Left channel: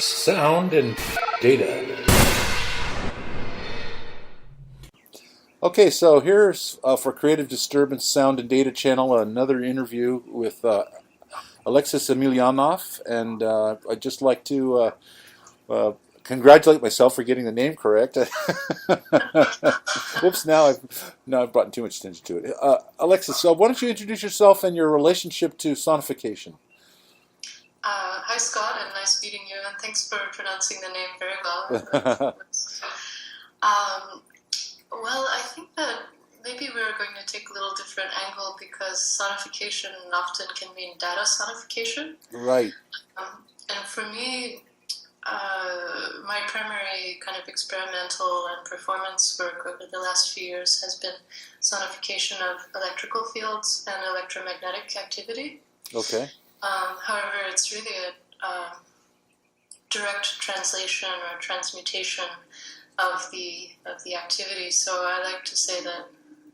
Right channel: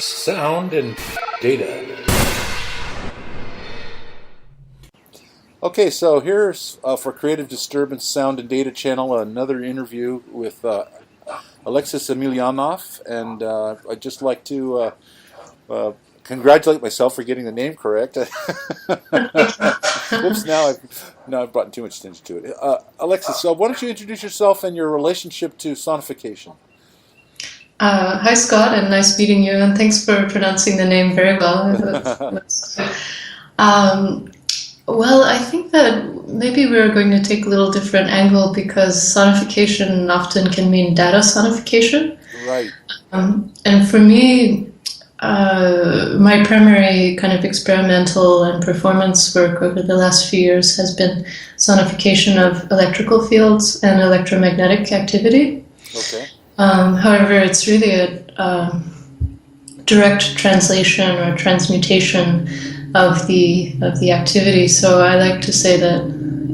Sound and data. Okay, so here's for Creative Disturbance Sound and Data Channel another interview with Alexis Emelianoff, and I'd just like to congratulate myself for getting the name correct. Whoops! Now I've brought too much attention to it. Alexis, so why don't you introduce yourself and your relationship to sonification? Hi, Scott, and nice meeting you, and thanks for pronouncing the name very well. Um, well, I think that maybe we're going to take a little different angle because sonification often can mean data sonification. Right. And for me, my primary kind of experimental and performance work over the last few years has been sonification of electrical fields and electromagnetic activity. Okay. However, it's really a direct translation or transmutation of the activity. So I like to say that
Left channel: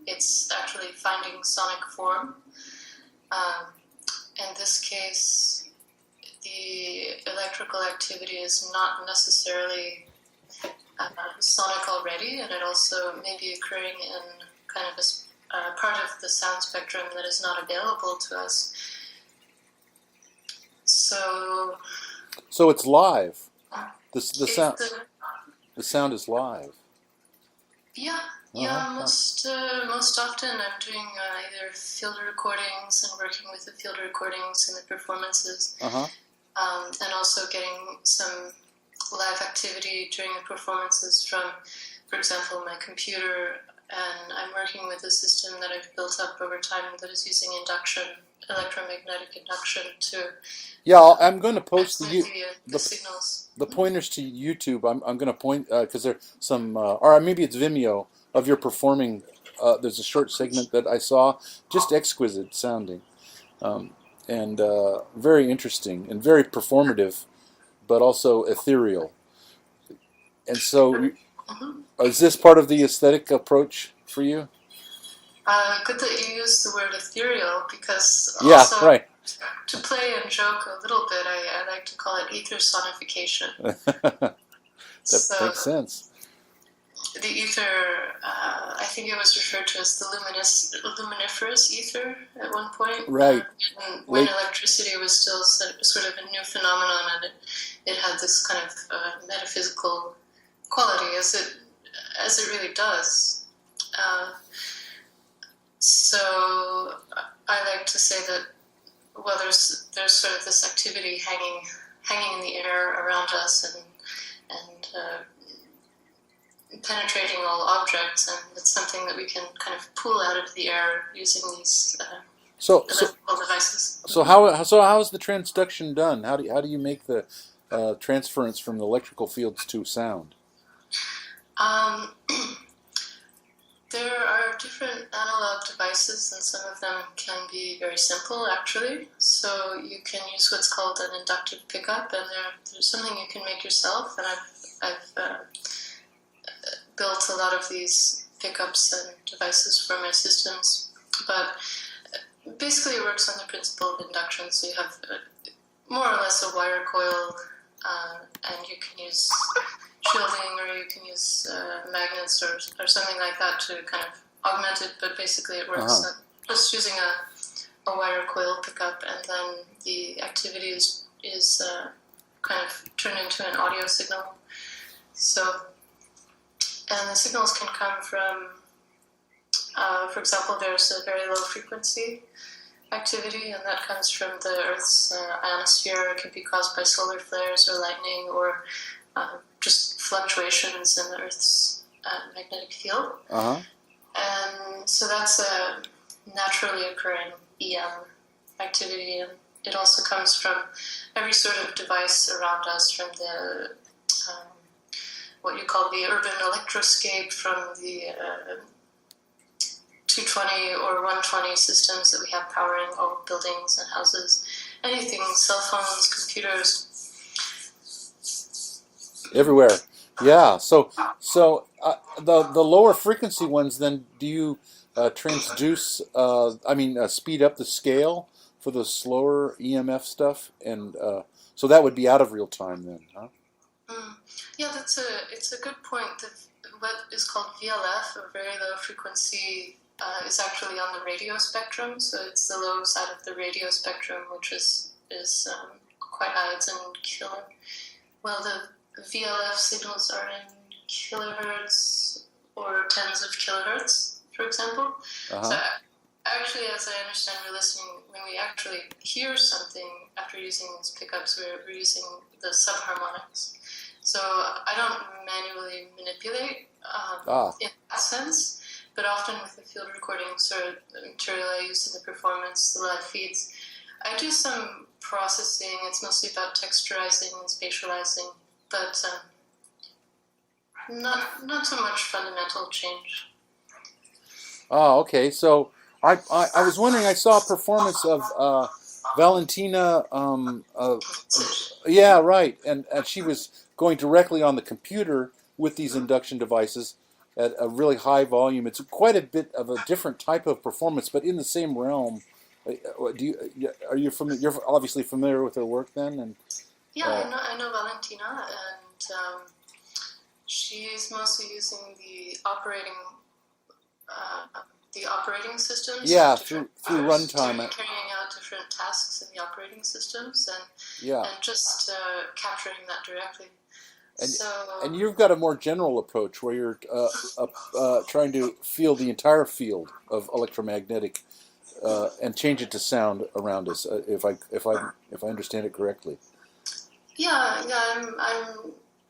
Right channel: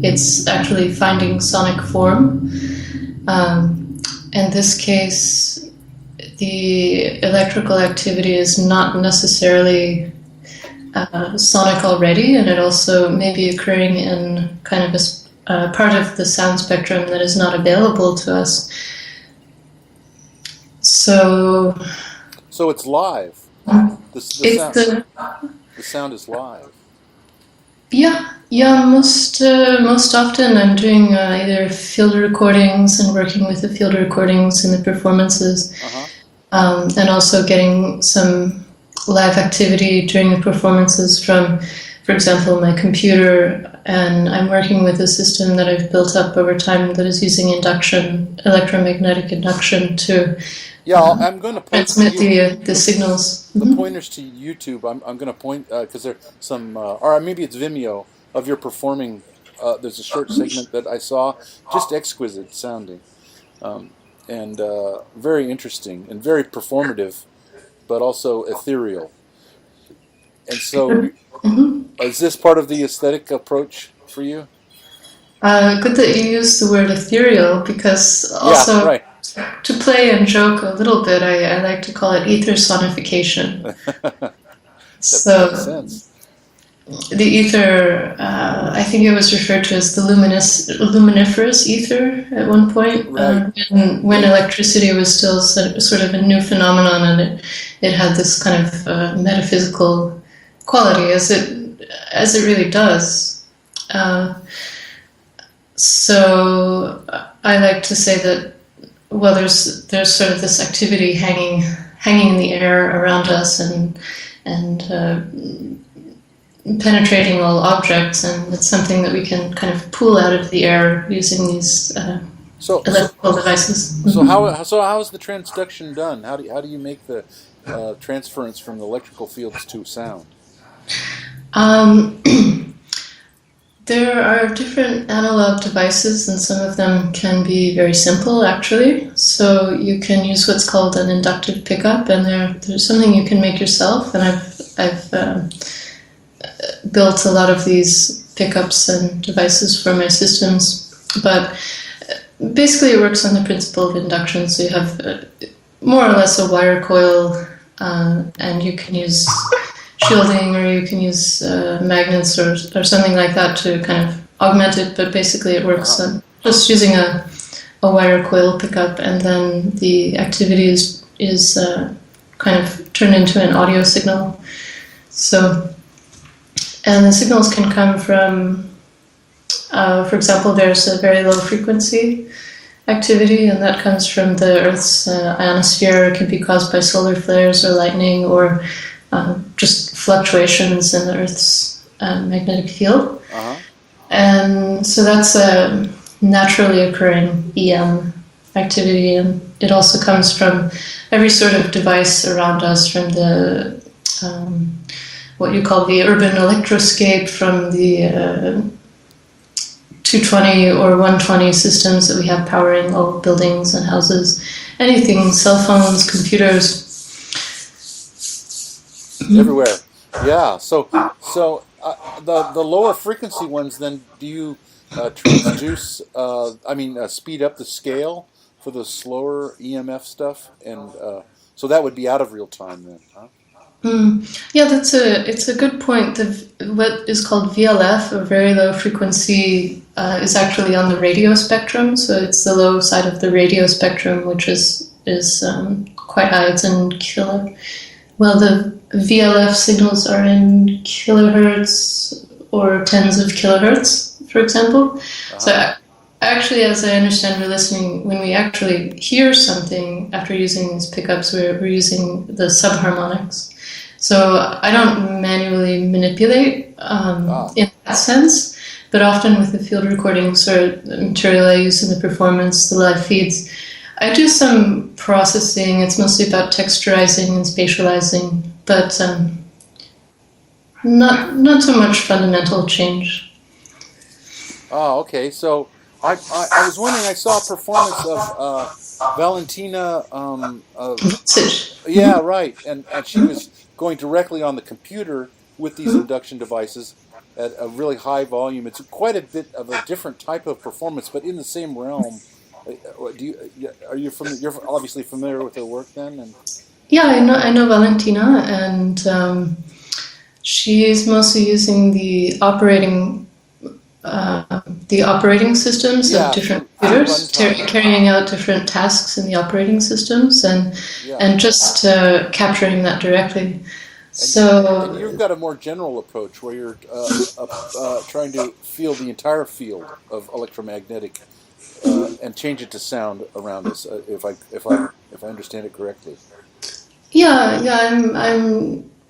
it's actually finding sonic form. In this case, the electrical activity is not necessarily sonic already, and it also may be occurring in kind of a part of the sound spectrum that is not available to us. So it's live. The sound is live. Yeah. Most often I'm doing either field recordings and working with the field recordings and the performances, and also getting some live activity during the performances from, for example, my computer. And I'm working with a system that I've built up over time that is using electromagnetic induction to. Yeah, I'm going to post the signals. The pointers to YouTube. I'm going to point because there's some, or maybe it's Vimeo of your performing. There's a short segment that I saw, just exquisite sounding, and very interesting and very performative, but also ethereal. And so, is this part of the aesthetic approach for you? Good that you use the word ethereal, because also. Yeah, right. To play and joke a little bit, I like to call it ether sonification. That makes sense. The ether, I think it was referred to as the luminiferous ether at one point. Right. When electricity was still sort of a new phenomenon, and it had this kind of metaphysical quality, as it really does. So I like to say that. Well, there's sort of this activity hanging in the air around us and penetrating all objects, and it's something that we can kind of pull out of the air using these electrical devices. So how is the transduction done? How do you make the transference from the electrical fields to sound? There are different analog devices, and some of them can be very simple, actually. So you can use what's called an inductive pickup, and there's something you can make yourself. And I've built a lot of these pickups and devices for my systems. But basically, it works on the principle of induction. So you have more or less a wire coil, and you can use shielding, or you can use magnets or something like that to kind of augment it, but basically it works just using a wire coil pickup, and then the activity is kind of turned into an audio signal. So, and the signals can come from, for example, there's a very low frequency activity, and that comes from the Earth's ionosphere. It can be caused by solar flares or lightning, or just fluctuations in the Earth's magnetic field. And so that's a naturally occurring EM activity, and it also comes from every sort of device around us, from the what you call the urban electroscape, from the 220 or 120 systems that we have powering all buildings and houses, anything, cell phones, computers. Everywhere. Yeah. So the lower frequency ones, then do you transduce? Speed up the scale for the slower EMF stuff, and so that would be out of real time then, huh? Yeah, it's a good point. What is called VLF, or very low frequency, is actually on the radio spectrum. So it's the low side of the radio spectrum, which is quite high. It's in kilo. Well, the VLF signals are in kilohertz or tens of kilohertz, for example. Uh-huh. So actually, as I understand, we're listening, when we actually hear something after using these pickups, we're using the subharmonics. So I don't manually manipulate in that sense, but often with the field recordings or the material I use in the performance, the live feeds, I do some processing. It's mostly about texturizing and spatializing, but not so much fundamental change. Oh, okay. So I was wondering. I saw a performance of Valentina. Yeah, right. And she was going directly on the computer with these induction devices at a really high volume. It's quite a bit of a different type of performance, but in the same realm. You're obviously familiar with her work then? And Yeah, I know Valentina, and she's mostly using the operating systems of different computers, carrying out different tasks in the operating systems, and just capturing that directly. And you've got a more general approach where you're trying to feel the entire field of electromagnetic and change it to sound around us, if I understand it correctly. Yeah,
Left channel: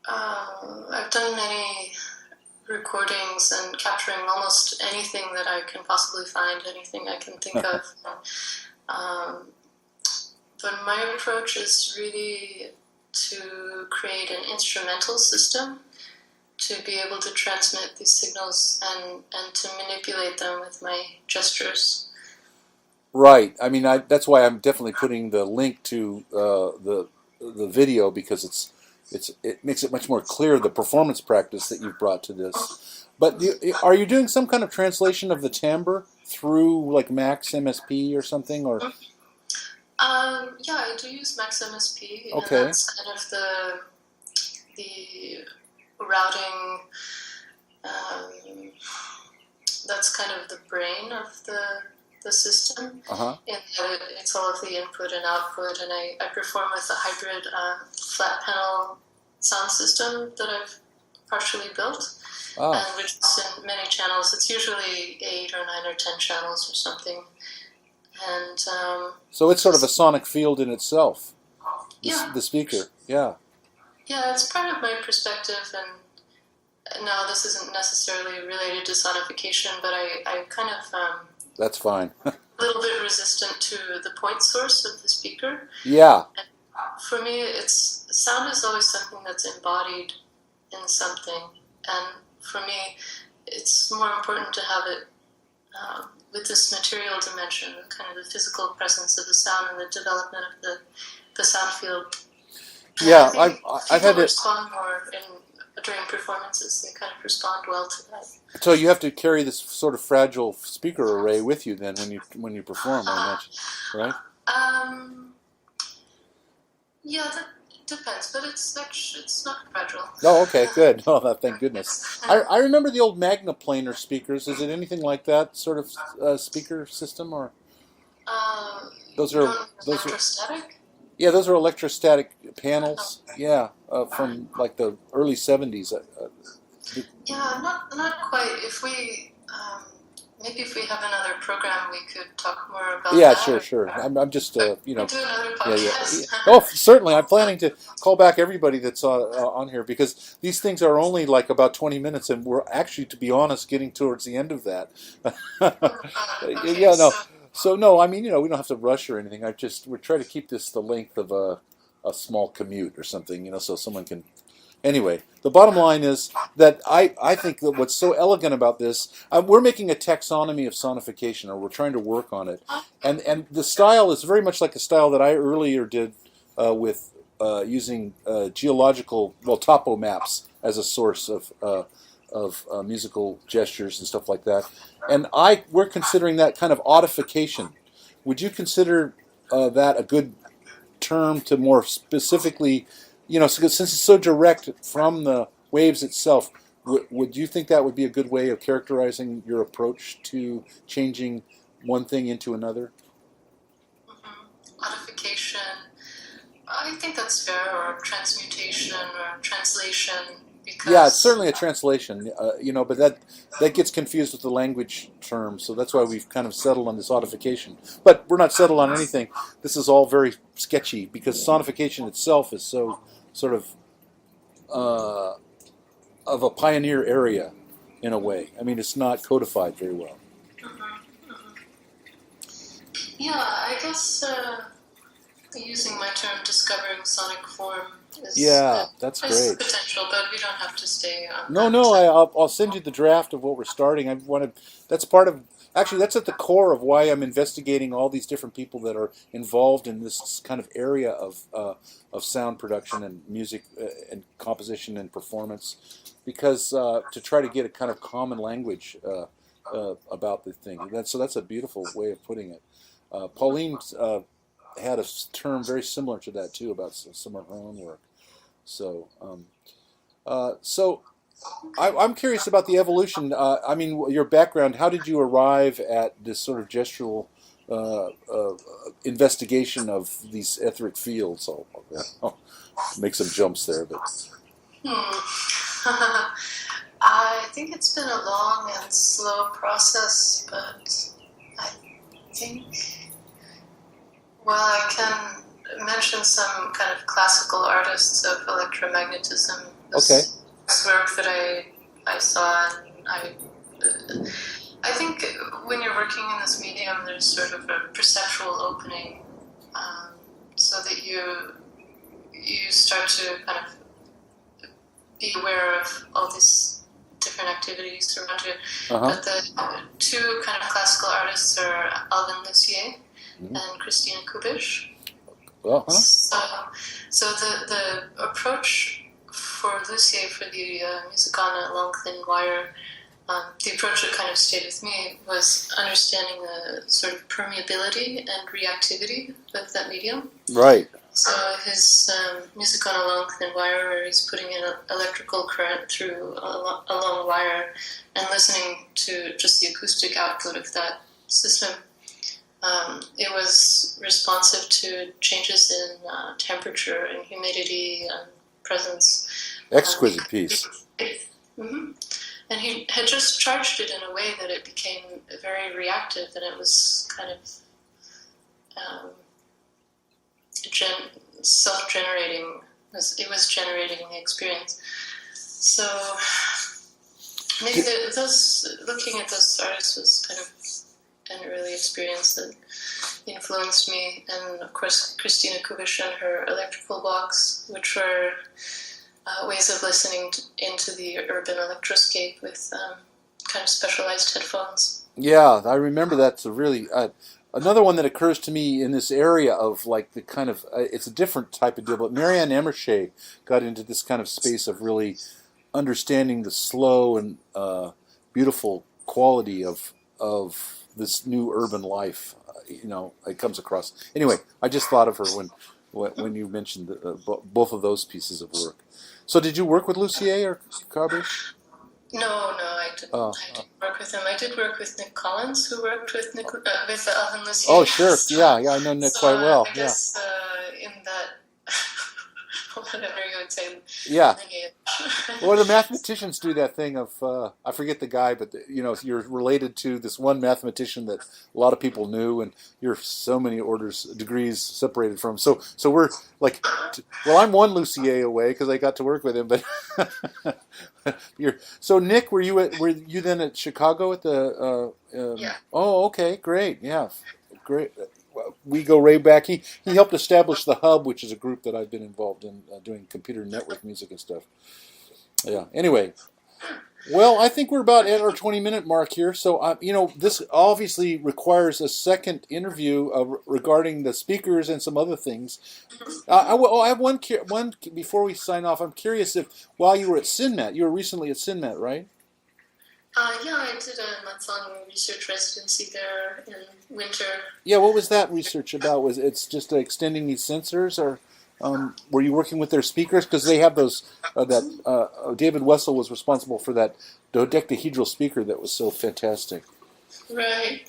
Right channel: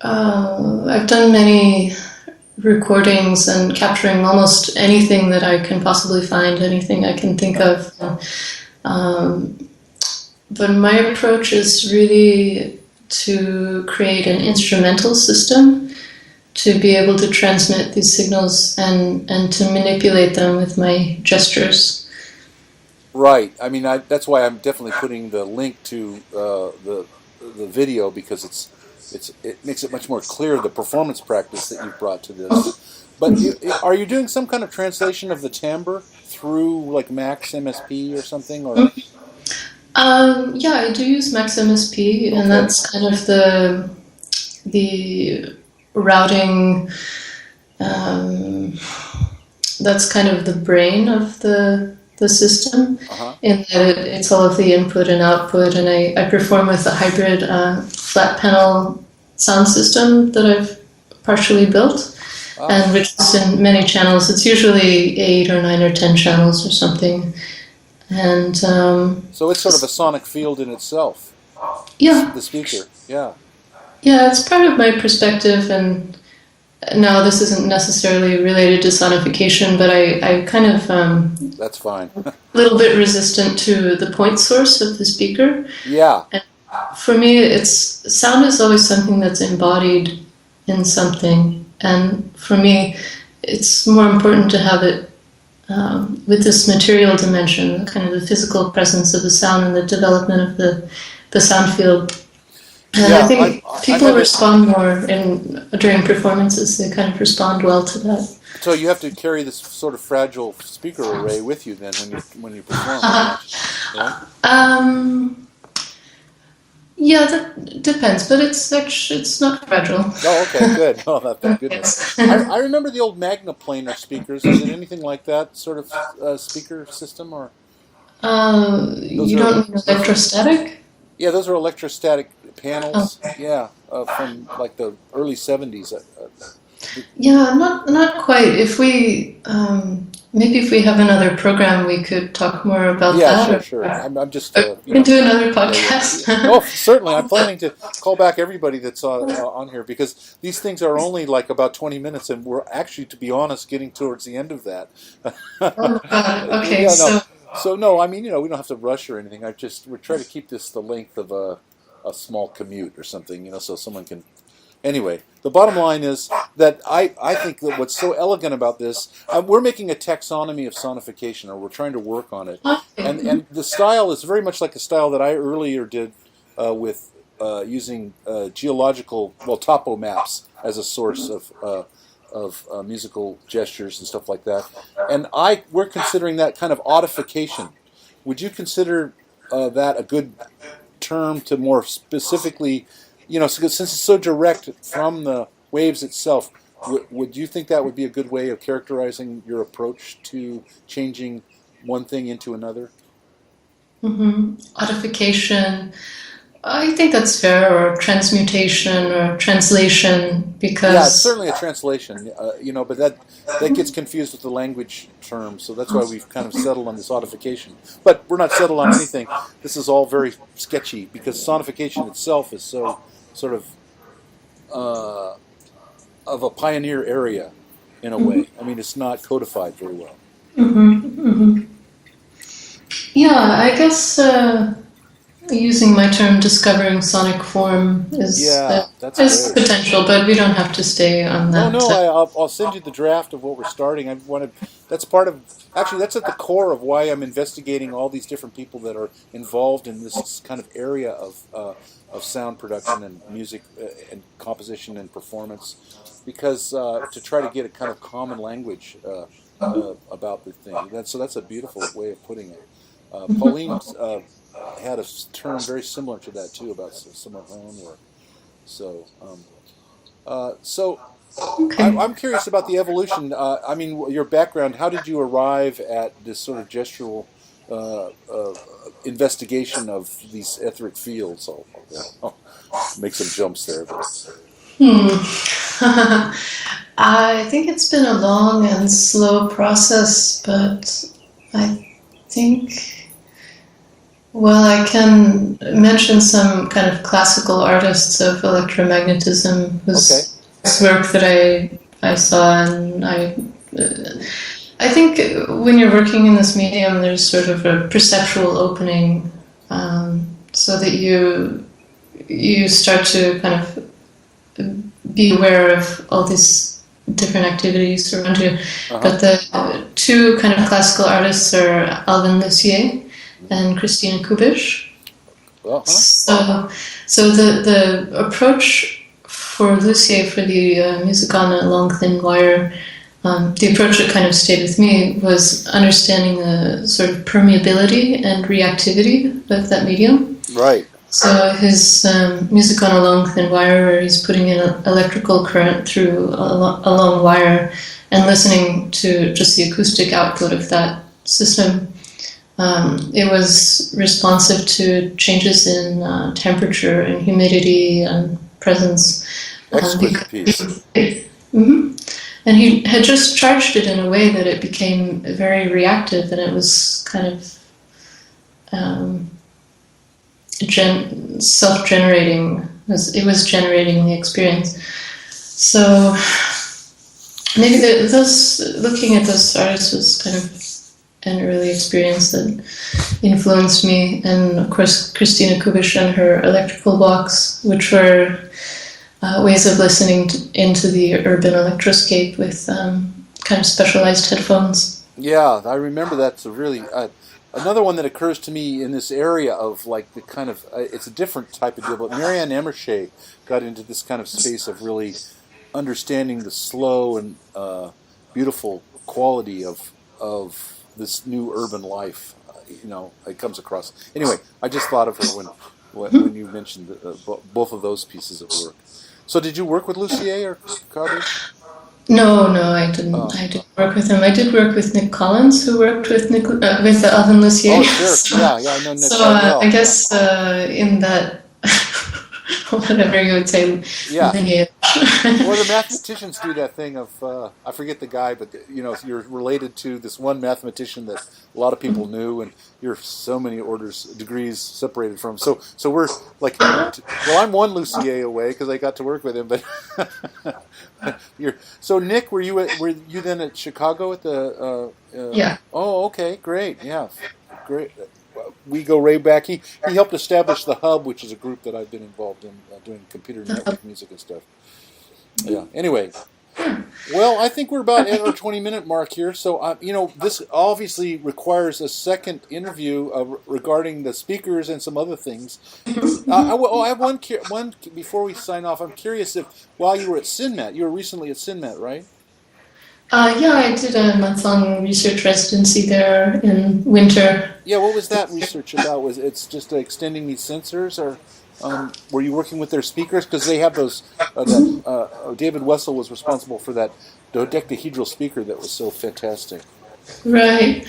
I've done many recordings and capturing almost anything that I can possibly find, anything I can think of. But my approach is really to create an instrumental system to be able to transmit these signals and to manipulate them with my gestures. Right. I mean, that's why I'm definitely putting the link to the video, because it makes it much more clear, the performance practice that you've brought to this. But are you doing some kind of translation of the timbre through like Max MSP or something, or? Yeah, I do use Max MSP, and that's kind of the routing. That's kind of the brain of the system, in that it's all of the input and output, and I perform with a hybrid flat panel sound system that I've partially built, and which is in many channels. It's usually 8 or 9 or 10 channels or something, and so it's sort of a sonic field in itself. Yeah, the speaker. Yeah, it's part of my perspective, and now this isn't necessarily related to sonification, but I kind of that's fine. A little bit resistant to the point source of the speaker. Yeah. And for me, sound is always something that's embodied in something, and for me, it's more important to have it with this material dimension, kind of the physical presence of the sound and the development of the sound field. And I think people respond more during performances. They kind of respond well to that. So you have to carry this sort of fragile speaker array with you then when you perform, right? Yeah, that depends, but it's not fragile. Oh, okay, good. Oh, thank goodness. I remember the old Magnaplanar speakers. Is it anything like that sort of speaker system, or? You don't mean electrostatic? Yeah, those are electrostatic panels. Yeah, from like the early 70s. Yeah, not quite. If we maybe if we have another program, we could talk more about that. Yeah, sure. I'm just we can do another podcast. Oh, certainly. I'm planning to call back everybody that's on here, because these things are only like about 20 minutes, and we're actually, to be honest, getting towards the end of that. Okay. Yeah, no. So no, I mean, we don't have to rush or anything. We're trying to keep this the length of a small commute or something, so someone can. Anyway, the bottom line is that I think that what's so elegant about this, we're making a taxonomy of sonification, or we're trying to work on it, and the style is very much like a style that I earlier did with using topo maps as a source of musical gestures and stuff like that. And we're considering that kind of audification. Would you consider that a good term to more specifically, since it's so direct from the waves itself, would you think that would be a good way of characterizing your approach to changing one thing into another? Codification. I think that's fair, or transmutation or translation, Yeah, it's because certainly a translation, but that gets confused with the language term, so that's why we've kind of settled on this sonification. But we're not settled on anything. This is all very sketchy because sonification itself is so sort uh, of a pioneer area in a way. I mean, it's not codified very well. yeah, I guess using my term "discovering sonic form" is Yeah, that's has great. potential, but we don't have to stay on No, that. no, I'll send you the draft of what we're starting. I wanted that's part of actually that's at the core of why I'm investigating all these different people that are involved in this kind of area of sound production and music and composition and performance, because to try to get a kind of common language about the thing. That's a beautiful way of putting it. Pauline had a term very similar to that too about some of her own work. So. So Okay. I'm curious about the evolution. I mean, your background. How did you arrive at this sort of gestural investigation of these etheric fields? I'll make some jumps there, but Hmm. I think it's been a long and slow process, but I think, well, I can mention some kind of classical artists of electromagnetism okay, whose work that I saw, and I think when you're working in this medium, there's sort of a perceptual opening, so that you start to kind of be aware of all these different activities around you. uh huh, But the two kind of classical artists are Alvin Lucier and Christina Kubish. uh huh, So the approach for Lucier for the music on a long thin wire, the approach that kind of stayed with me was understanding the sort of permeability and reactivity of that medium. right, So his music on a long thin wire, where he's putting in electrical current through a long wire and listening to just the acoustic output of that system. It was responsive to changes in temperature and humidity and presence. exquisite piece. Mhm. And he had just charged it in a way that it became very reactive, and it was kind of um, self-generating. It was generating the experience. So maybe looking at those artists was kind of an early experience that influenced me, and of course Christina Kubish and her electrical box, which were ways of listening into the urban electroscape with kind of specialized headphones. Yeah, I remember that's a really another one that occurs to me in this area of like the kind of it's a different type of deal, but Marianne Emershay got into this kind of space of really understanding the slow and beautiful quality of this new urban life. It comes across. Anyway, I just thought of her when you mentioned both of those pieces of work. So, did you work with Lucier or Kabish? No, I didn't. Oh, I didn't work with him. I did work with Nick Collins, who worked with with Alvin Lucier. oh, sure. Yeah, yeah, I know Nick So quite I well. Yeah, guess in that whatever you would say yeah. lineage. Well, the mathematicians do that thing of I forget the guy, but you're related to this one mathematician that a lot of people knew, and you're so many degrees separated from. So we're like, well, I'm one Lucier away because I got to work with him, but so Nick, were you then at Chicago at the? Yeah. Oh, okay, great, yeah, great. We go way back. He helped establish the Hub, which is a group that I've been involved in doing computer network music and stuff. Yeah. Anyway, well, I think we're about at our 20-minute mark here. So, this obviously requires a second interview regarding the speakers and some other things. I have one before we sign off. I'm curious if while you were at SynMat, you were recently at SynMat, right? Yeah, I did a month-long research residency there in winter. Yeah, what was that research about? Was it's just extending these sensors, or were you working with their speakers? Because they have those. That David Wessel was responsible for that dodecahedral speaker that was so fantastic. Right.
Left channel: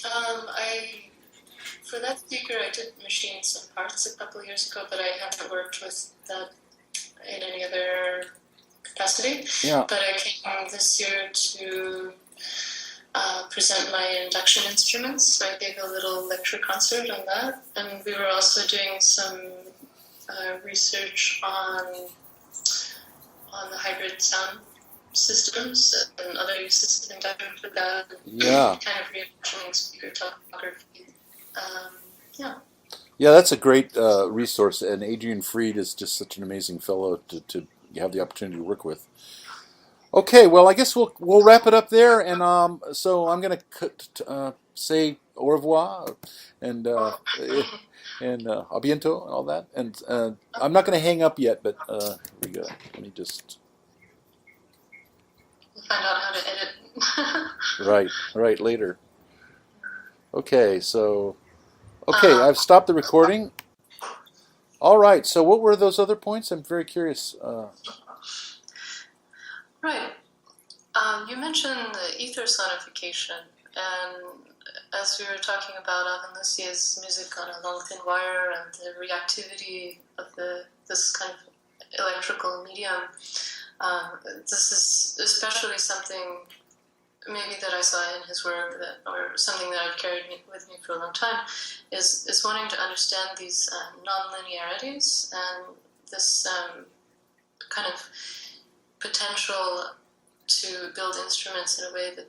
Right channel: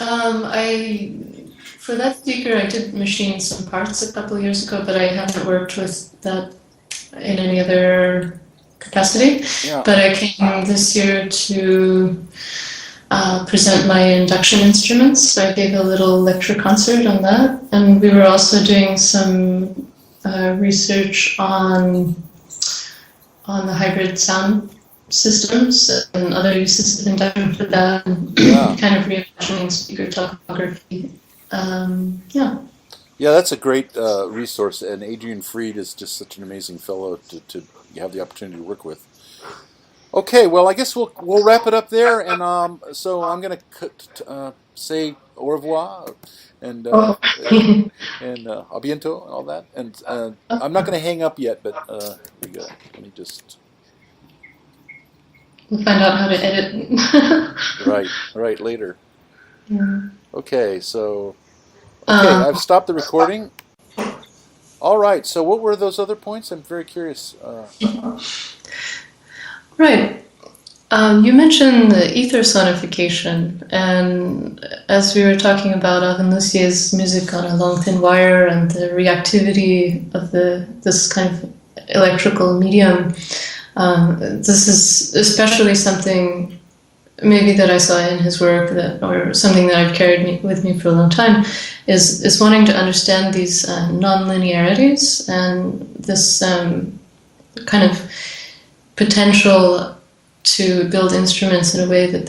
I For that speaker, I did machine some parts a couple of years ago, but I haven't worked with that in any other capacity. Yeah. But I came this year to present my induction instruments. So I gave a little lecture concert on that, and we were also doing some research on the hybrid sound systems and other uses of induction for that, and Yeah. kind of reimagining speaker topography. Yeah. Yeah, that's a great resource, and Adrian Freed is just such an amazing fellow to have the opportunity to work with. Okay, well, I guess we'll wrap it up there, and so I'm going to say au revoir and Oh. and a biento and all that, and I'm not going to hang up yet, but here we go. Let me just We'll find out how to edit. right later. Yeah. Okay, so I've stopped the recording. All right, so what were those other points? I'm very curious. Right. You mentioned the ether sonification, and as we were talking about Alvin Lucier's music on a long thin wire and the reactivity of this kind of electrical medium, this is especially something maybe that I saw in his work, or something that I've carried with me for a long time, is wanting to understand these non-linearities and this kind of potential to build instruments in a way that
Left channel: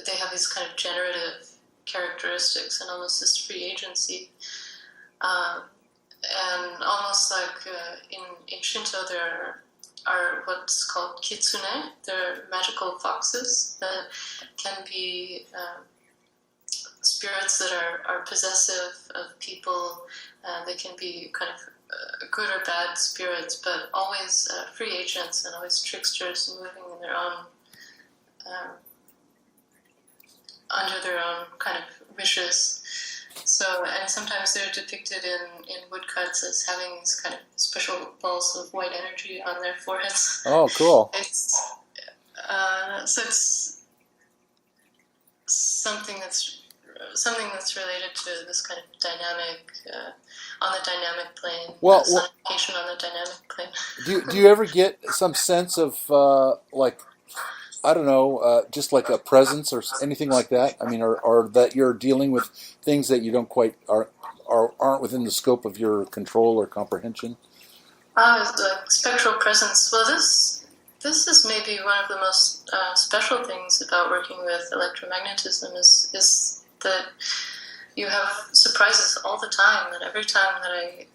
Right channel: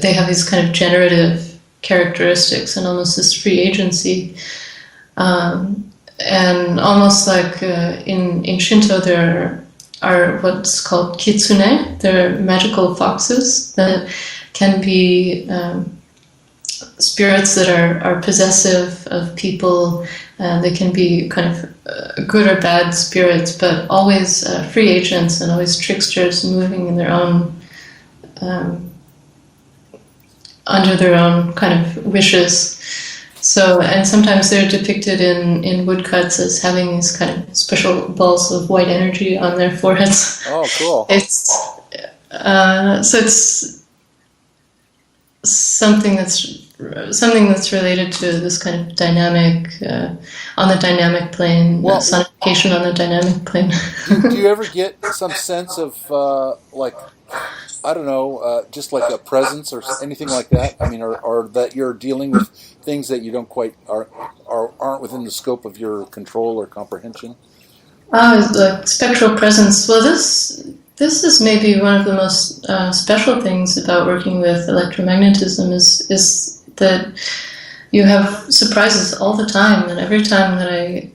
they have these kind of generative characteristics and almost this free agency. And almost like in Shinto, there are what's called kitsune. They're magical foxes that can be spirits that are possessive of people. They can be kind of good or bad spirits, but always free agents and always tricksters moving in their own, under their own kind of wishes. So, and sometimes they're depicted in woodcuts as having these kind of special balls of white energy on their foreheads. Oh, cool. So it's something that's related to this kind of dynamic, on the dynamic plane, sonification on the dynamic plane. do you ever get some sense of like, I don't know, just like a presence or anything like that? I mean, or that you're dealing with things that you don't quite aren't within the scope of your control or comprehension? The spectral presence. Well, this is maybe one of the most special things about working with electromagnetism is that you have surprises all the time, and every time that I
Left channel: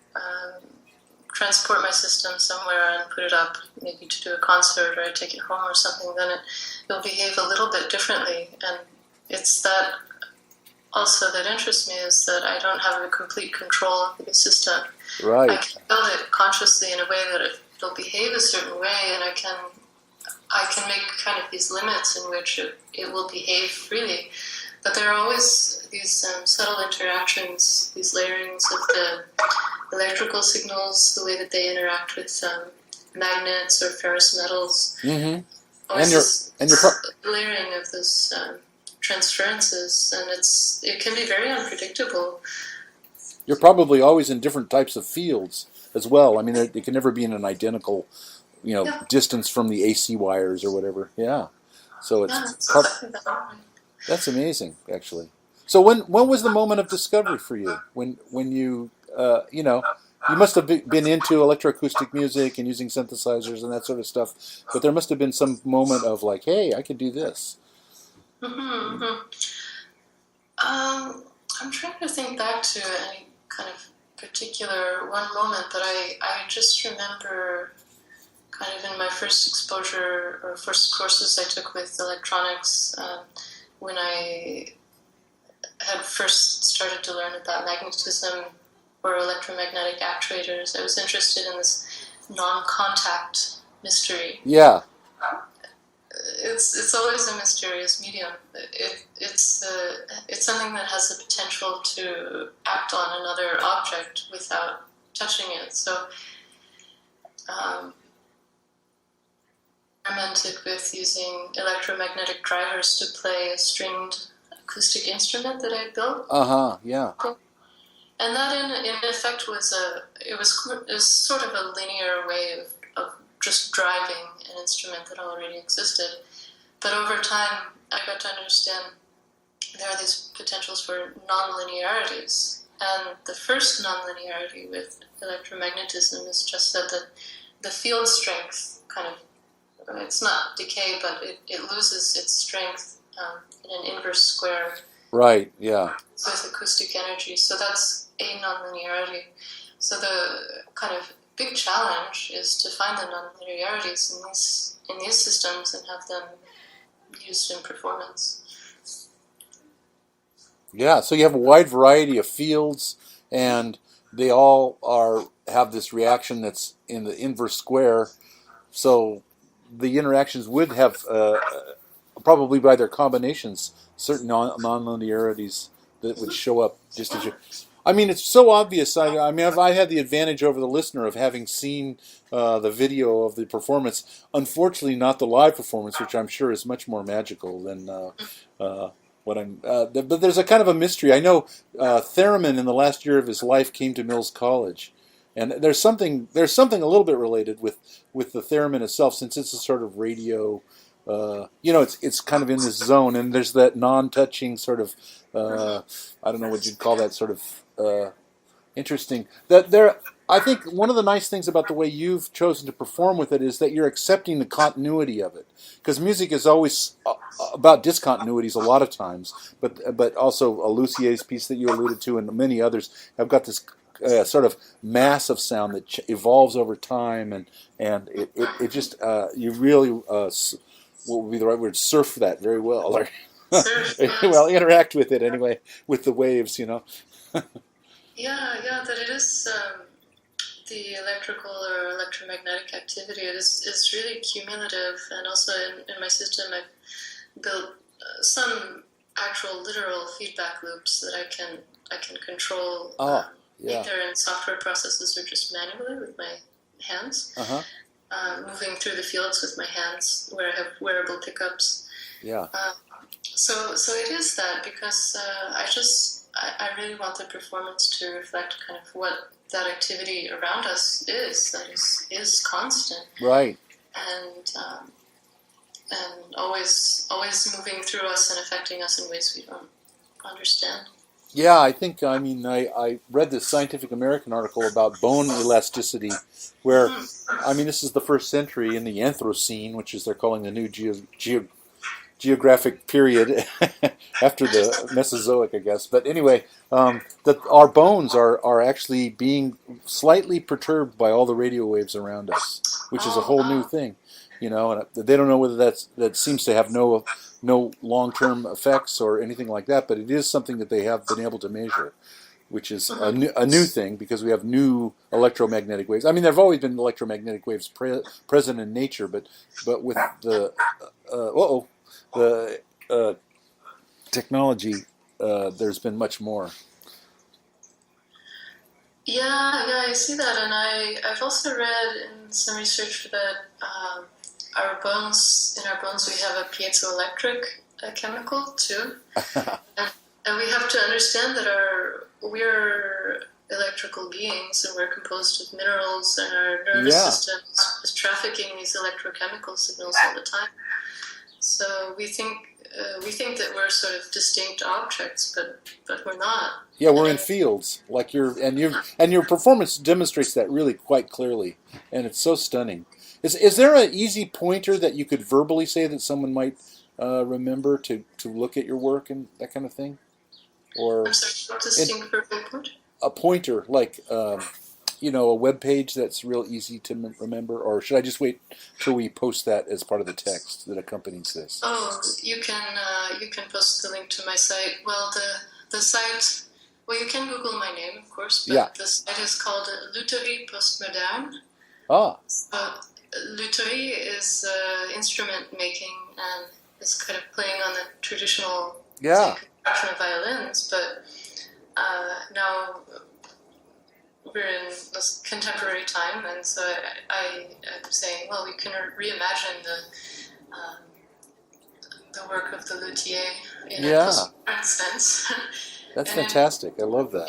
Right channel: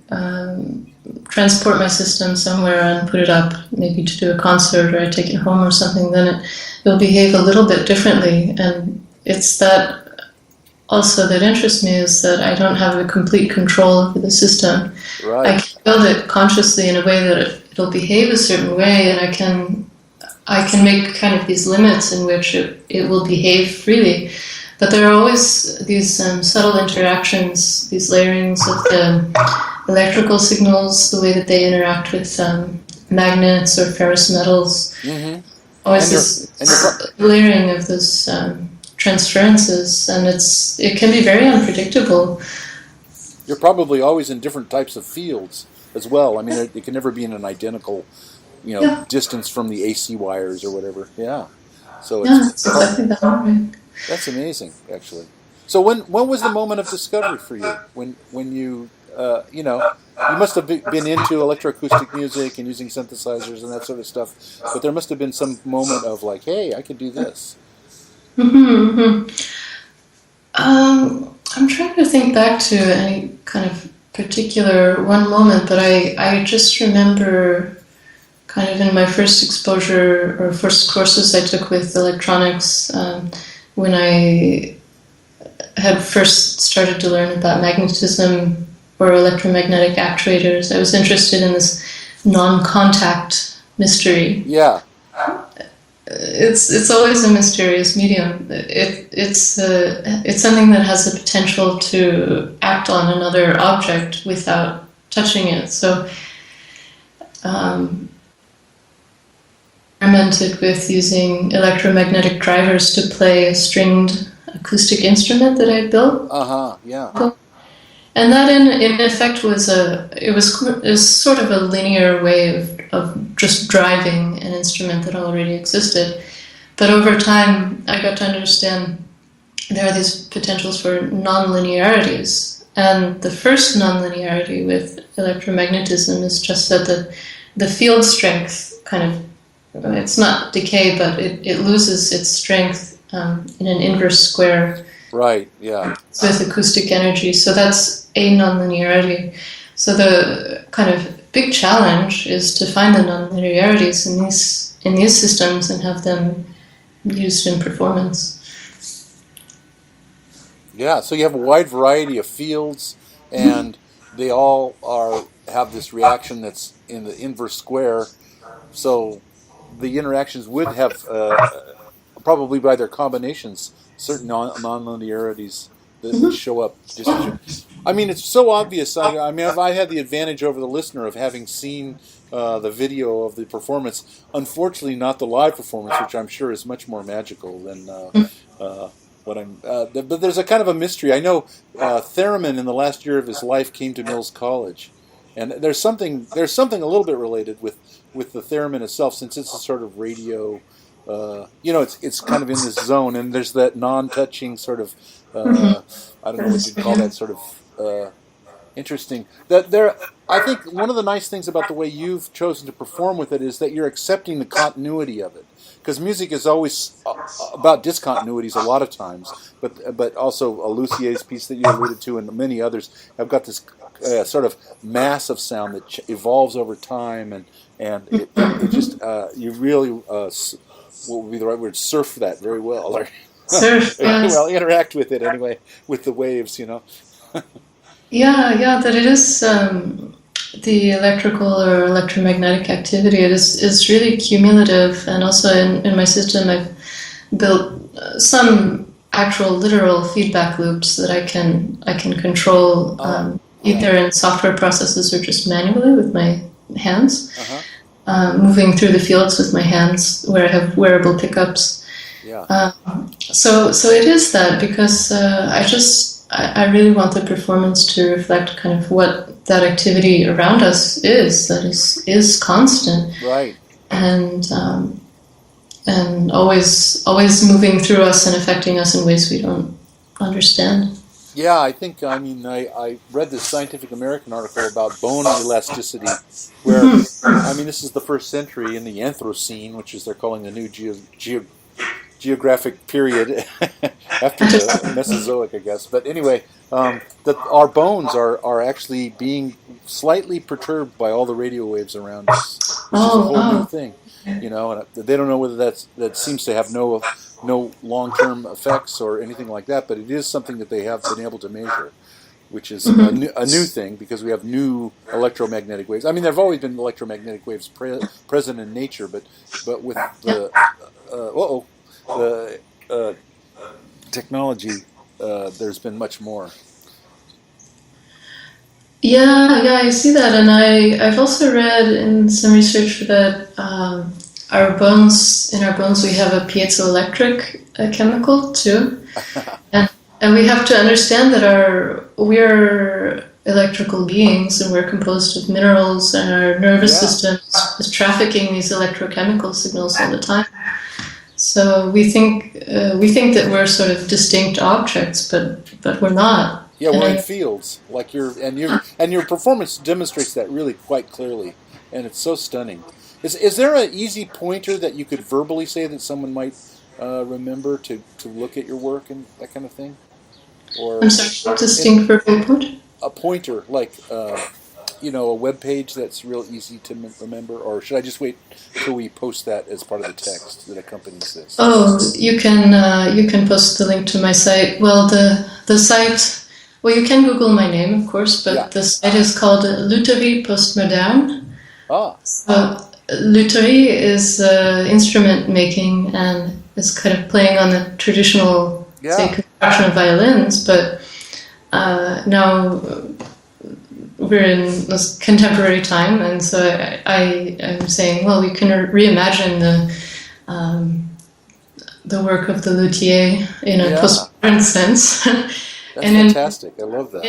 transport my system somewhere and put it up, maybe to do a concert or I take it home or something, then it'll behave a little bit differently. And it's that also that interests me, is that I don't have a complete control over the system. Right. I can build it consciously in a way that it'll behave a certain way, and I can make kind of these limits in which it will behave freely. But there are always these subtle interactions, these layerings of the electrical signals, the way that they interact with magnets or ferrous metals. Mm-hmm. Always this layering of those transferences, and it can be very unpredictable. You're probably always in different types of fields as well. I mean, it can never be in an identical, distance from the AC wires or whatever. Yeah. So it's exactly that way. That's amazing, actually. So when was the moment of discovery for you? When you you must have been into electroacoustic music and using synthesizers and that sort of stuff, but there must have been some moment of like, hey, I could do this. Mm-hmm. I'm trying to think back to any kind of particular one moment, but I just remember kind of in my first exposure or first courses I took with electronics, when I had first started to learn about magnetism or electromagnetic actuators. I was interested in this non-contact mystery. Yeah. it's always a mysterious medium. It's something that has the potential to act on another object without touching it. So, experimented with using electromagnetic drivers to play a stringed acoustic instrument that I built. Yeah. And that, in effect, was sort of a linear way of just driving an instrument that already existed. But over time, I got to understand there are these potentials for non-linearities. And the first non-linearity with electromagnetism is just that the field strength kind of, it's not decay, but it loses its strength in an inverse square. Right, yeah. With acoustic energy. So that's a nonlinearity. So the kind of big challenge is to find the nonlinearities in these systems and have them used in performance. Yeah, so you have a wide variety of fields, and they all have this reaction that's in the inverse square. So the interactions would have, probably by their combinations, certain non-linearities that show up. I mean, it's so obvious. I mean, I had the advantage over the listener of having seen the video of the performance. Unfortunately, not the live performance, which I'm sure is much more magical than what I'm. But there's a kind of a mystery. I know Theremin in the last year of his life came to Mills College, and there's something a little bit related with the theremin itself, since it's a sort of radio. It's kind of in this zone, and there's that non-touching sort of, I don't know what you'd call that, sort of interesting. I think one of the nice things about the way you've chosen to perform with it is that you're accepting the continuity of it, because music is always about discontinuities a lot of times, but also Lucier's piece that you alluded to and many others have got this sort of massive sound that evolves over time, and it just you really. What would be the right word? Surf that very well. Surf, yes. Well, interact with it anyway, with the waves, Yeah, that it is the electrical or electromagnetic activity. It is really cumulative, and also in my system, I've built some actual literal feedback loops that I can control either in software processes or just manually with my hands. Moving through the fields with my hands, where I have wearable pickups. Yeah. So it is that, because I really want the performance to reflect kind of what that activity around us is, that is constant. Right. And always moving through us and affecting us in ways we don't understand. Yeah, I think, I read this Scientific American article about bone elasticity, where, this is the first century in the Anthropocene, which is they're calling the new geographic period after the Mesozoic, I guess. But anyway, that our bones are actually being slightly perturbed by all the radio waves around us, which is a whole new thing, and they don't know whether that seems to have no long-term effects or anything like that, but it is something that they have been able to measure, which is a new thing, because we have new electromagnetic waves. I mean, there have always been electromagnetic waves present in nature, but with the technology, there's been much more. Yeah, I see that, and I've also read in some research that in our bones we have a piezoelectric chemical too, and we have to understand that we're electrical beings, and we're composed of minerals, and our nervous system is trafficking these electrochemical signals all the time. So we think that we're sort of distinct objects, but we're not. Yeah, we're in fields, like your performance demonstrates that really quite clearly, and it's so stunning. Is there an easy pointer that you could verbally say that someone might remember to look at your work and that kind of thing? Or I'm sorry, distinct verbal pointer? A pointer, like a web page that's real easy to remember, or should I just wait till we post that as part of the text that accompanies this? Oh, you can post the link to my site. Well, the site. Well, you can Google my name, of course, but the site is called Lutherie Postmoderne. Ah. So lutherie is instrument making and is kind of playing on the traditional, say, Yeah. construction of violins, but now we're in this contemporary time, and so I am saying, well, we can reimagine the work of the luthier in a Yeah. postmodern sense. That's and fantastic. I love that.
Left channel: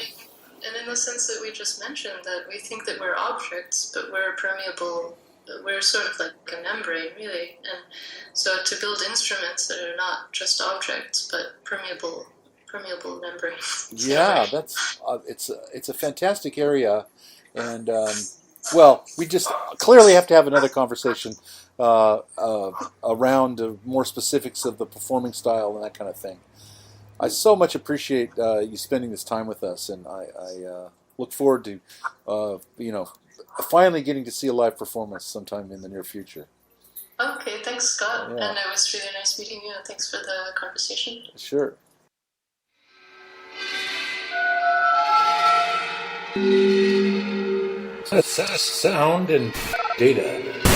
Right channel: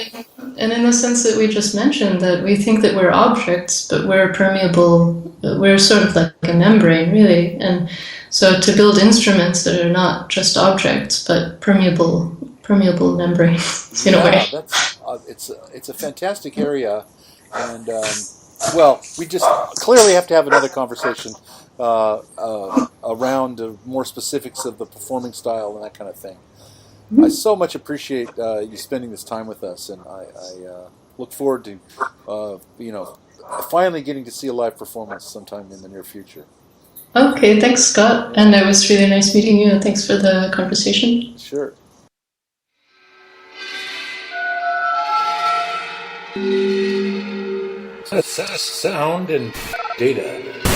and in the sense that we just mentioned, that we think that we're objects, but we're permeable, we're sort of like a membrane, really. And so to build instruments that are not just objects, but permeable membranes, in a Yeah, way. that's it's a fantastic area, and well, we just clearly have to have another conversation around more specifics of the performing style and that kind of thing. I so much appreciate you spending this time with us, and I look forward to finally getting to see a live performance sometime in the near future. Okay, thanks, Scott. Yeah. And it was really nice meeting you, and thanks for the conversation. Sure. Sound and data.